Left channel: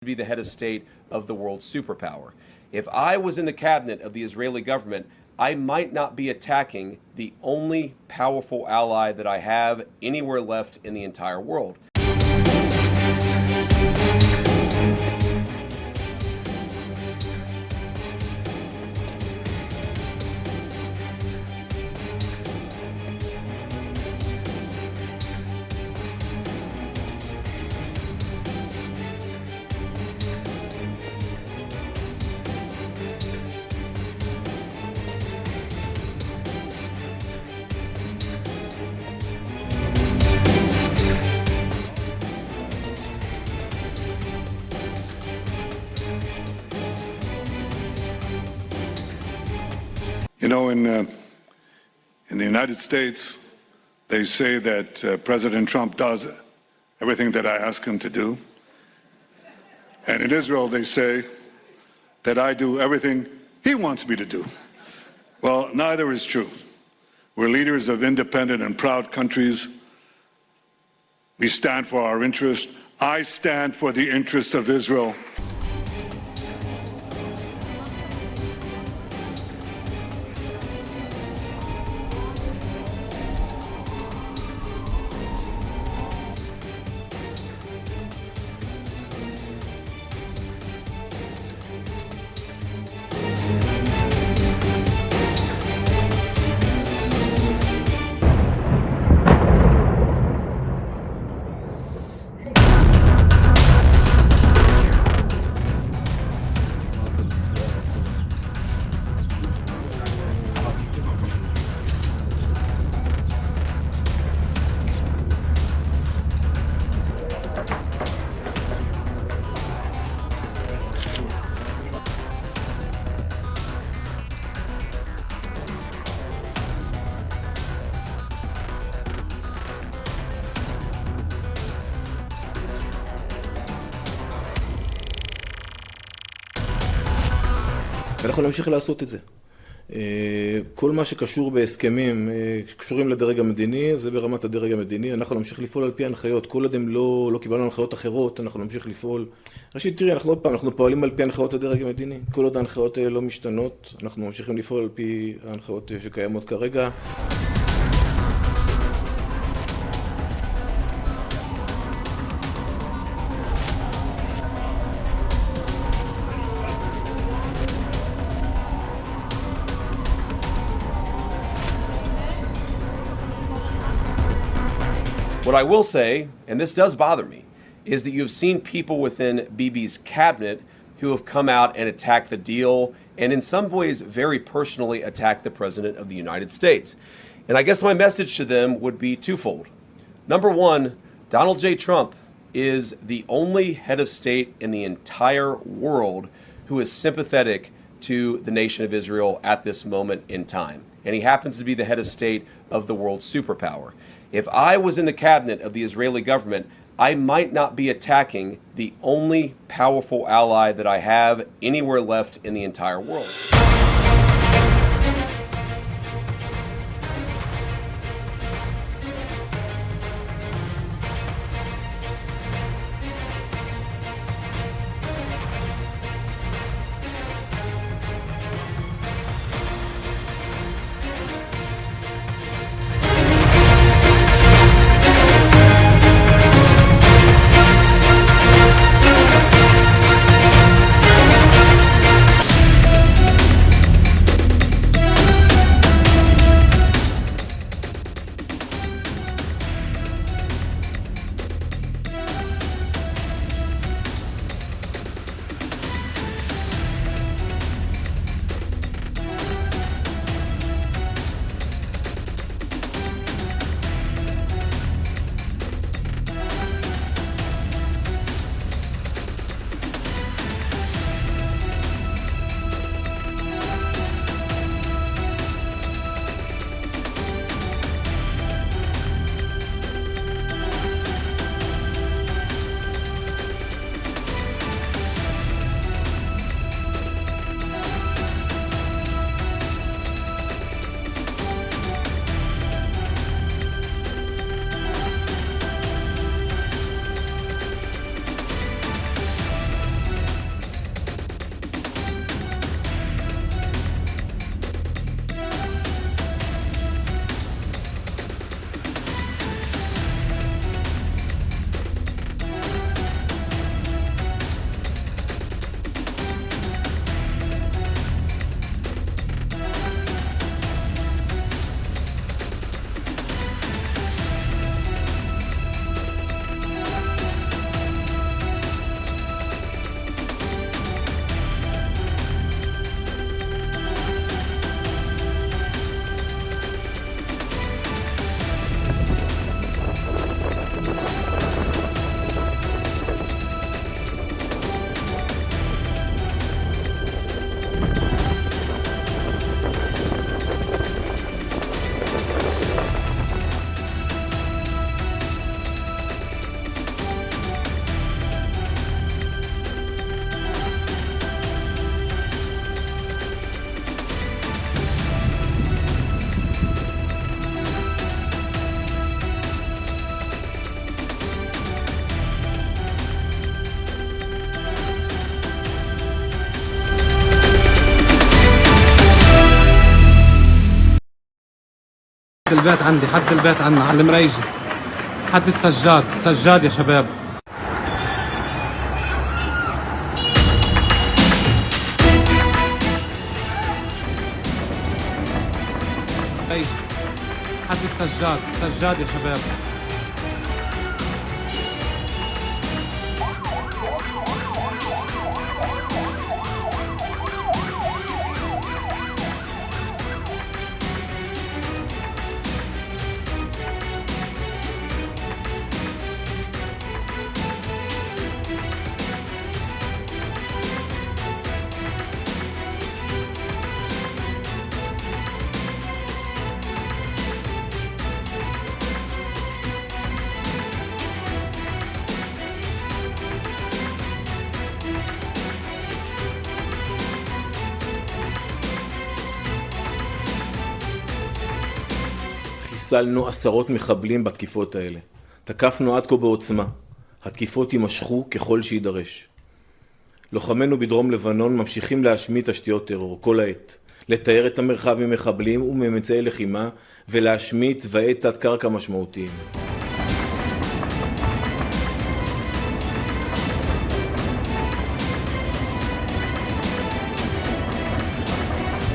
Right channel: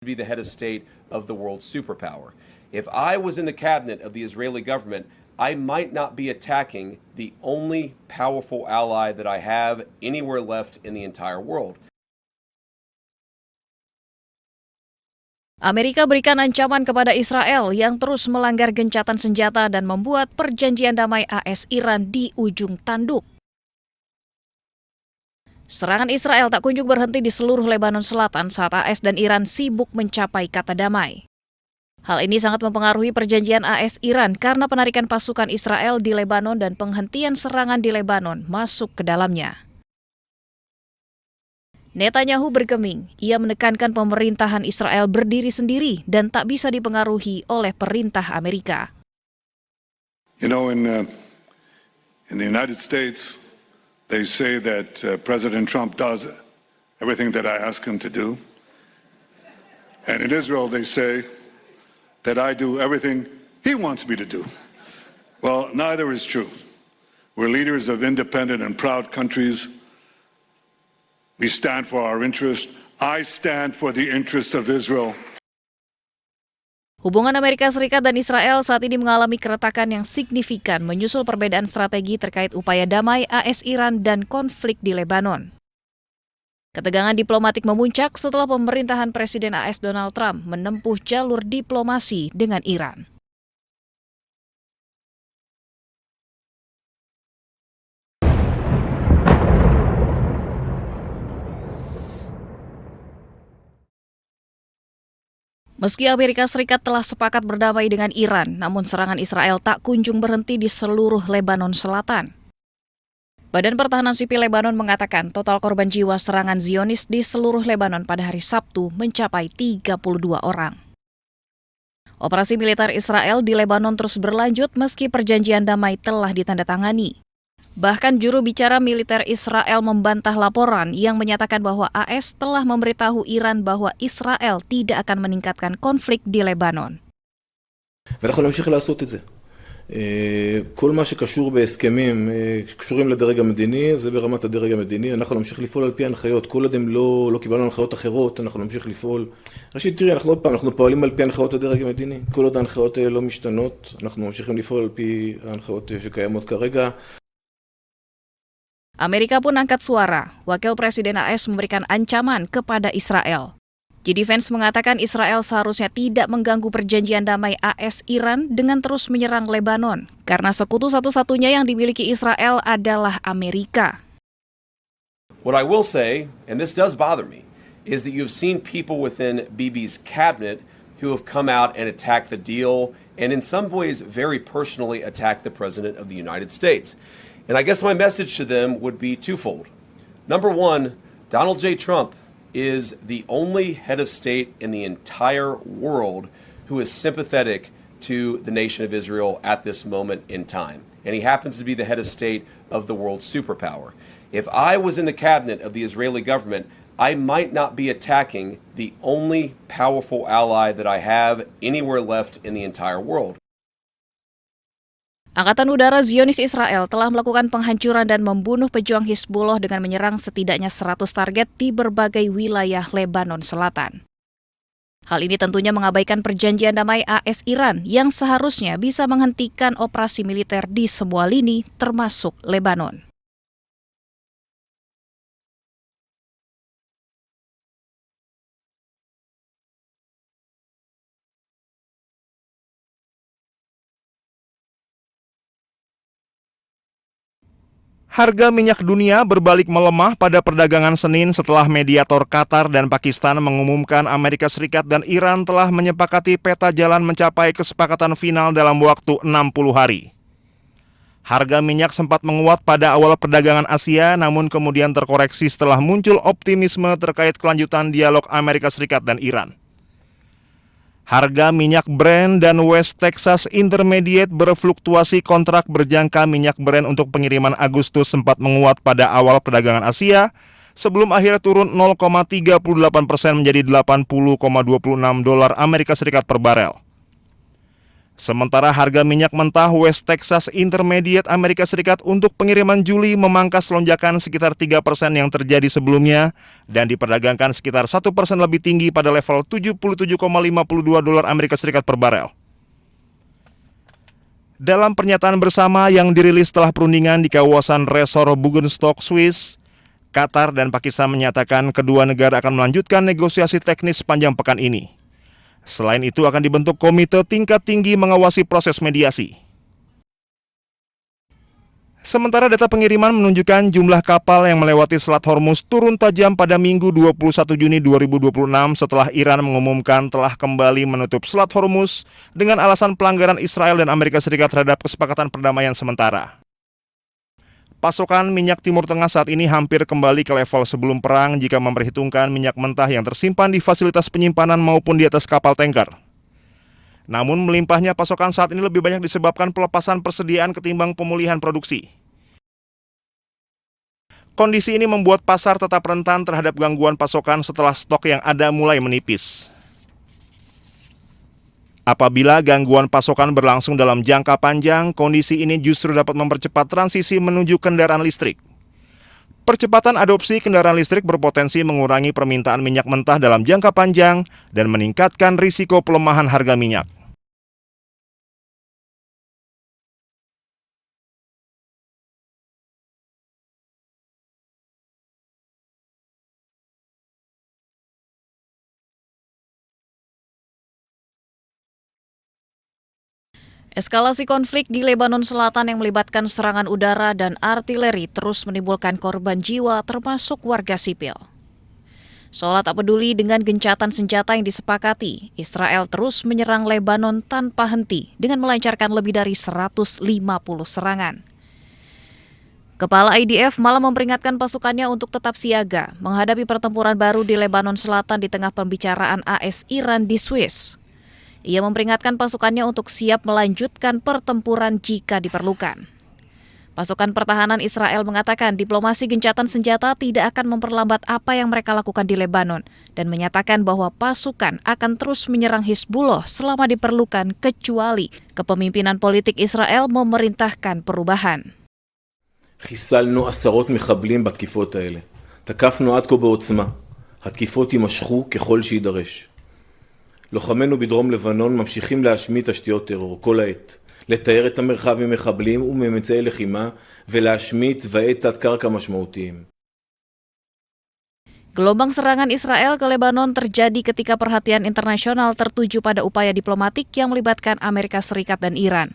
be the head of state of the world superpower. If I was in the cabinet of the Israeli government, I might not be attacking the only powerful ally that I have anywhere left in the entire world. Amerika berikan ancaman kepada Israel yang terus melanggar gencatan senjata dan membuat perjanjian damai AS-Iran di ujung tanduk. Serangan Israel tak kunjung berhenti di seluruh Lebanon Selatan saat AS dan Iran sibuk mencapai kata damai. Hal ini sangat mempengaruhi perjanjian AS-Iran karena penarikan pasukan Israel di Lebanon dan penghentian serangan di Lebanon masuk ke dalamnya. Netanyahu bergeming, ia menekankan pemerintahan Israel berdiri sendiri dan tak bisa dipengaruhi oleh perintah Amerika. You know, in the United States, they say that President Trump does everything that I ask him to do. And in Israel, they say that I do everything he wants me to do. Well, neither is true. We're leaders of independent and proud countries. We stand for our interest. I stand for the interest of Israel. Hubungan Amerika Serikat dan Israel saat ini mengalami keretakan yang signifikan menyusul perbedaan strategi terkait upaya damai AS-Iran dan konflik di Lebanon. Ketegangan diplomatik memuncak setelah pemerintahan Presiden AS Donald Trump menempuh jalur diplomasi dengan Iran. Meski Amerika Serikat telah sepakat berdamai dengan Iran, namun serangan Israel tak kunjung berhenti di seluruh Lebanon Selatan. Badan Pertahanan Sipil Lebanon mengatakan total korban jiwa serangan Zionis di seluruh Lebanon pada hari Sabtu mencapai 32 orang. Operasi militer Israel di Lebanon terus berlanjut meski perjanjian damai telah ditandatangani. Bahkan juru bicara militer Israel membantah laporan yang menyatakan bahwa AS telah memberitahu Iran bahwa Israel tidak akan meningkatkan konflik di Lebanon. ואנחנו נמשיך לעשות את זה. כל מה שקשור בהסכמים, קשורים לדרג המדיני, זה ברמת הדרג המדיני. אנחנו נמשיך לפעול על פי ההנחיות. כל עוד הם לא קיבלנו הנחיות אחרות, אנחנו נמשיך לפעול. ראשית, תראי, אנחנו פועלים על פי הנחיות הדרג המדיני. כל עוד ההנחיות לא משתנות, אנחנו ממשיכים לפעול על פי ההנחיות שקיימות כרגע. Amerika pun angkat suara. Wakil Presiden AS memberikan ancaman kepada Israel. JD Vance mengatakan Israel seharusnya tidak mengganggu perjanjian damai AS-Iran dengan terus menyerang Lebanon, karena sekutu satu-satunya yang dimiliki Israel adalah Amerika. What I will say, and this does bother me, is that you've seen people within Bibi's cabinet who have come out and attacked the deal, and in some ways very personally attacked the President of the United States. And I guess my message to them would be twofold. Number one, Donald J. Trump is the only head of state in the entire world who is sympathetic to the nation of Israel at this moment in time. And he happens to be the head of state of the world superpower. If I was in the cabinet of the Israeli government, I might not be attacking the only powerful ally that I have anywhere left in the entire world. Angkatan Udara Zionis Israel telah melakukan penghancuran dan membunuh pejuang Hizbullah dengan menyerang setidaknya 100 target di berbagai wilayah Lebanon Selatan. Hal ini tentunya mengabaikan perjanjian damai AS-Iran yang seharusnya bisa menghentikan operasi militer di semua lini termasuk Lebanon. Harga minyak dunia berbalik melemah pada perdagangan Senin setelah mediator Qatar dan Pakistan mengumumkan Amerika Serikat dan Iran telah menyepakati peta jalan mencapai kesepakatan final dalam waktu 60 hari. Harga minyak sempat menguat pada awal perdagangan Asia, namun kemudian terkoreksi setelah muncul optimisme terkait kelanjutan dialog Amerika Serikat dan Iran. Harga minyak Brent dan West Texas Intermediate berfluktuasi. Kontrak berjangka minyak Brent untuk pengiriman Agustus sempat menguat pada awal perdagangan Asia sebelum akhirnya turun 0,38% menjadi $80,26 Amerika Serikat per barel. Sementara harga minyak mentah West Texas Intermediate Amerika Serikat untuk pengiriman Juli memangkas lonjakan sekitar 3% yang terjadi sebelumnya dan diperdagangkan sekitar 1% lebih tinggi pada level 77,52 dolar Amerika Serikat per barel. Dalam pernyataan bersama yang dirilis setelah perundingan di kawasan resor Bugenstok, Swiss, Qatar dan Pakistan menyatakan kedua negara akan melanjutkan negosiasi teknis sepanjang pekan ini. Selain itu akan dibentuk komite tingkat tinggi mengawasi proses mediasi. Sementara data pengiriman menunjukkan jumlah kapal yang melewati Selat Hormuz turun tajam pada Minggu 21 Juni 2026 setelah Iran mengumumkan telah kembali menutup Selat Hormuz dengan alasan pelanggaran Israel dan Amerika Serikat terhadap kesepakatan perdamaian sementara. Pasokan minyak Timur Tengah saat ini hampir kembali ke level sebelum perang jika memperhitungkan minyak mentah yang tersimpan di fasilitas penyimpanan maupun di atas kapal tanker. Namun melimpahnya pasokan saat ini lebih banyak disebabkan pelepasan persediaan ketimbang pemulihan produksi. Kondisi ini membuat pasar tetap rentan terhadap gangguan pasokan setelah stok yang ada mulai menipis. Apabila gangguan pasokan berlangsung dalam jangka panjang, kondisi ini justru dapat mempercepat transisi menuju kendaraan listrik. Percepatan adopsi kendaraan listrik berpotensi mengurangi permintaan minyak mentah dalam jangka panjang dan meningkatkan risiko pelemahan harga minyak. البيت عندي حد البيت عنا على المريجي حد السجاد يا شباب. Eskalasi konflik di Lebanon Selatan yang melibatkan serangan udara dan artileri terus menimbulkan korban jiwa termasuk warga sipil. Seolah tak peduli dengan gencatan senjata yang disepakati, Israel terus menyerang Lebanon tanpa henti dengan melancarkan lebih dari 150 serangan. Kepala IDF malah memperingatkan pasukannya untuk tetap siaga menghadapi pertempuran baru di Lebanon Selatan di tengah pembicaraan AS-Iran di Swiss. Ia memperingatkan pasukannya untuk siap melanjutkan pertempuran jika diperlukan. Pasukan pertahanan Israel mengatakan diplomasi gencatan senjata tidak akan memperlambat apa yang mereka lakukan di Lebanon dan menyatakan bahwa pasukan akan terus menyerang Hizbullah selama diperlukan kecuali kepemimpinan politik Israel memerintahkan perubahan. חיסלנו עשרות מחבלים בתקיפות האלה. תקפנו עד כה בעוצמה. התקיפות יימשכו ככל שידרש. לוחמינו בדרום לבנון ממשיכים להשמיד תשתיות טרור כל העת. לתאר את המרחב ממחבלים וממצאי לחימה ולהשמיד תוואי תת-קרקע משמעותיים. Gelombang serangan Israel ke Lebanon terjadi ketika perhatian internasional tertuju pada upaya diplomatik yang melibatkan Amerika Serikat dan Iran.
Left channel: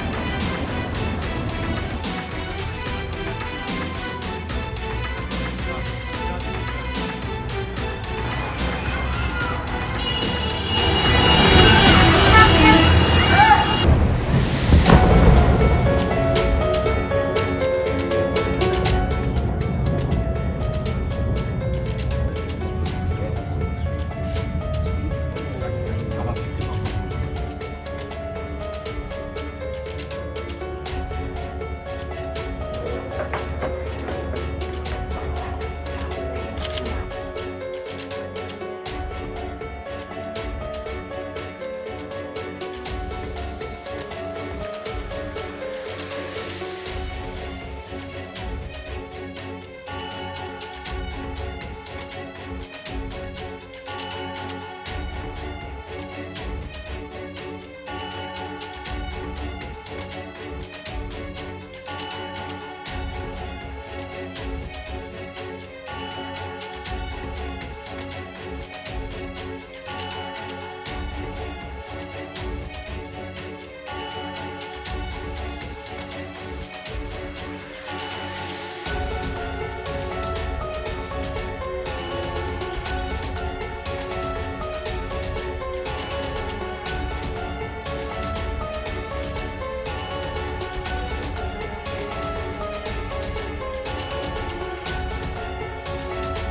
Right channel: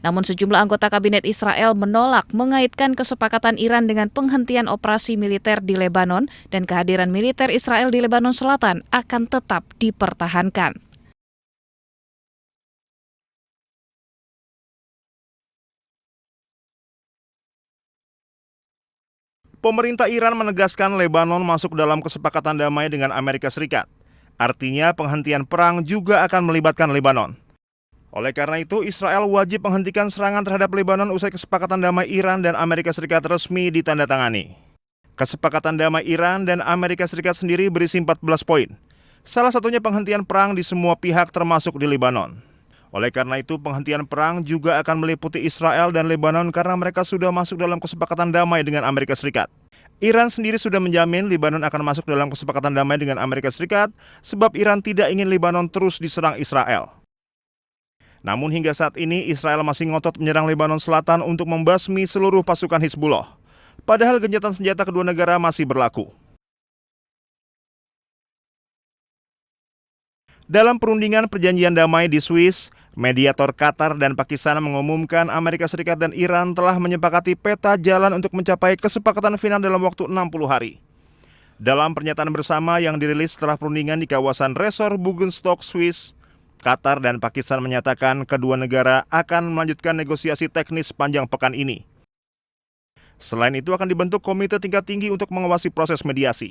Namun sejumlah anggota kabinet Israel menolak mengaitkan kesepakatan Iran dengan penghentian operasi militer di Lebanon dan kehadiran militer Israel di Lebanon Selatan akan tetap dipertahankan. Pemerintah Iran menegaskan Lebanon masuk dalam kesepakatan damai dengan Amerika Serikat. Artinya penghentian perang juga akan melibatkan Lebanon. Oleh karena itu, Israel wajib menghentikan serangan terhadap Lebanon usai kesepakatan damai Iran dan Amerika Serikat resmi ditandatangani. Kesepakatan damai Iran dan Amerika Serikat sendiri berisi 14 poin. Salah satunya penghentian perang di semua pihak termasuk di Lebanon. Oleh karena itu, penghentian perang juga akan meliputi Israel dan Lebanon karena mereka sudah masuk dalam kesepakatan damai dengan Amerika Serikat. Iran sendiri sudah menjamin Lebanon akan masuk dalam kesepakatan damai dengan Amerika Serikat sebab Iran tidak ingin Lebanon terus diserang Israel. Namun hingga saat ini Israel masih ngotot menyerang Lebanon Selatan untuk membasmi seluruh pasukan Hizbullah. Padahal gencatan senjata kedua negara masih berlaku. Dalam perundingan perjanjian damai di Swiss, mediator Qatar dan Pakistan mengumumkan Amerika Serikat dan Iran telah menyepakati peta jalan untuk mencapai kesepakatan final dalam waktu 60 hari. Dalam pernyataan bersama yang dirilis setelah perundingan di kawasan resor Bugenstok, Swiss, Qatar dan Pakistan menyatakan kedua negara akan melanjutkan negosiasi teknis sepanjang pekan ini. Selain itu akan dibentuk komite tingkat tinggi untuk mengawasi proses mediasi.